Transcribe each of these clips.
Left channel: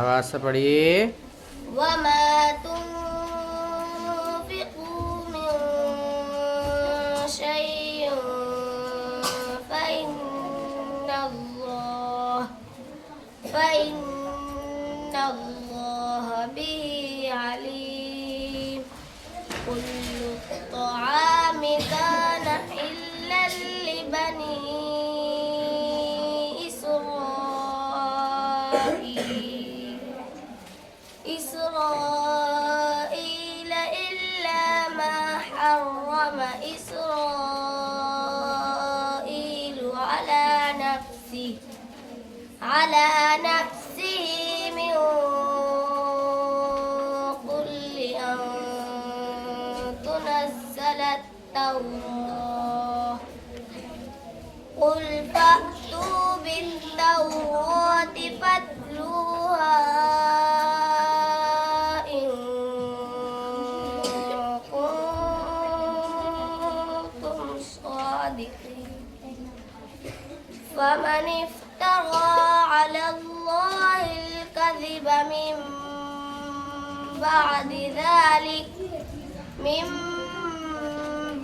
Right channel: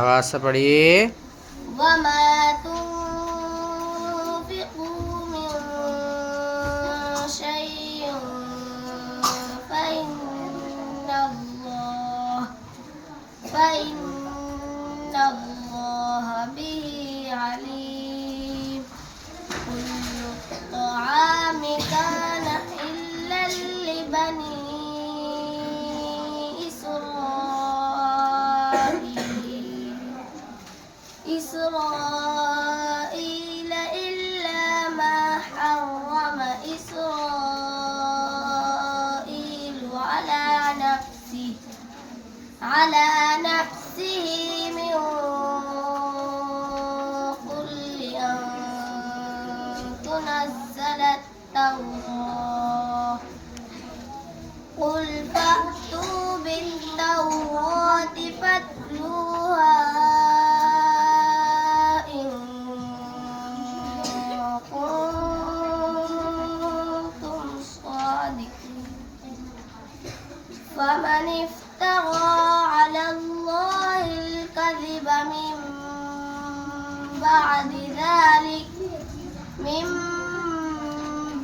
آواز سے پڑھیے. وما تنفقوا من شيء فإن الله به عليم كل الطعام كان حلا لبني إسرائيل إلا ما حرم إسرائيل على نفسه من قبل أن تنزل التوراة قل فأتوا بالتوراة فاتلوها إن كنتم صادقين فمن افترى على الله الكذب من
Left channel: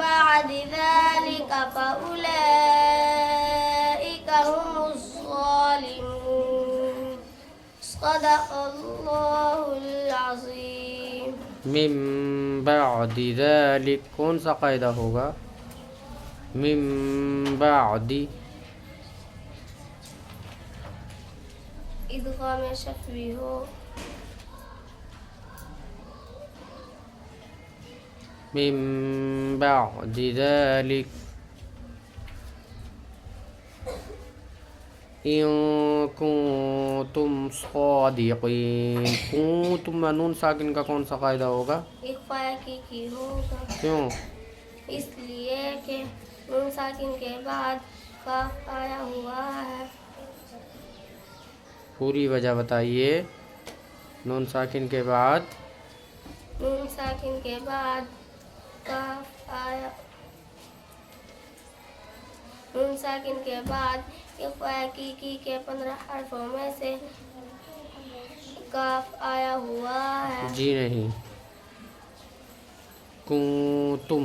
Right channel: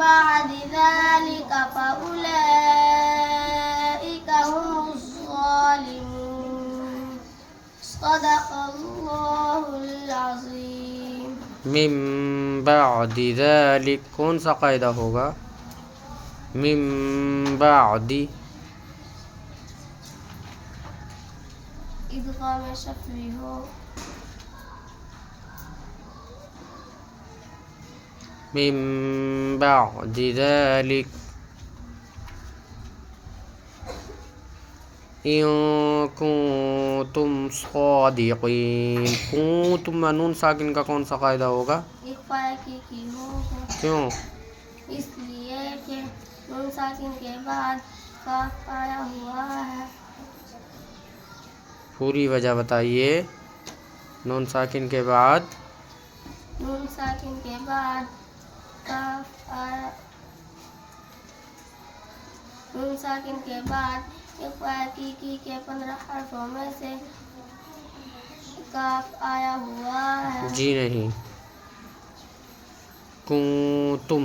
بعد ذلك فأولئك هم الظالمون صدق الله العظيم. من بعد ذلك کون سا قاعدہ ہوگا؟ من بعد ادغام شفوی ہو. من بعد ذلك إن كنتم صادقين. کنتم میں نون ساکن کا کون سا قاعدہ ہوگا؟ اخفاء کی ہوگا. کیوں؟ اس لیے کہ نون ساکن کے بعد کاف آیا ہوا ہے. پوری وجہ بتائیے. نون ساکن کے بعد کاف آیا. نون ساکن کے بعد اخفاء کی کے 15 حرفوں میں سے کاف آیا ہوا ہے. جی نہیں. کنتم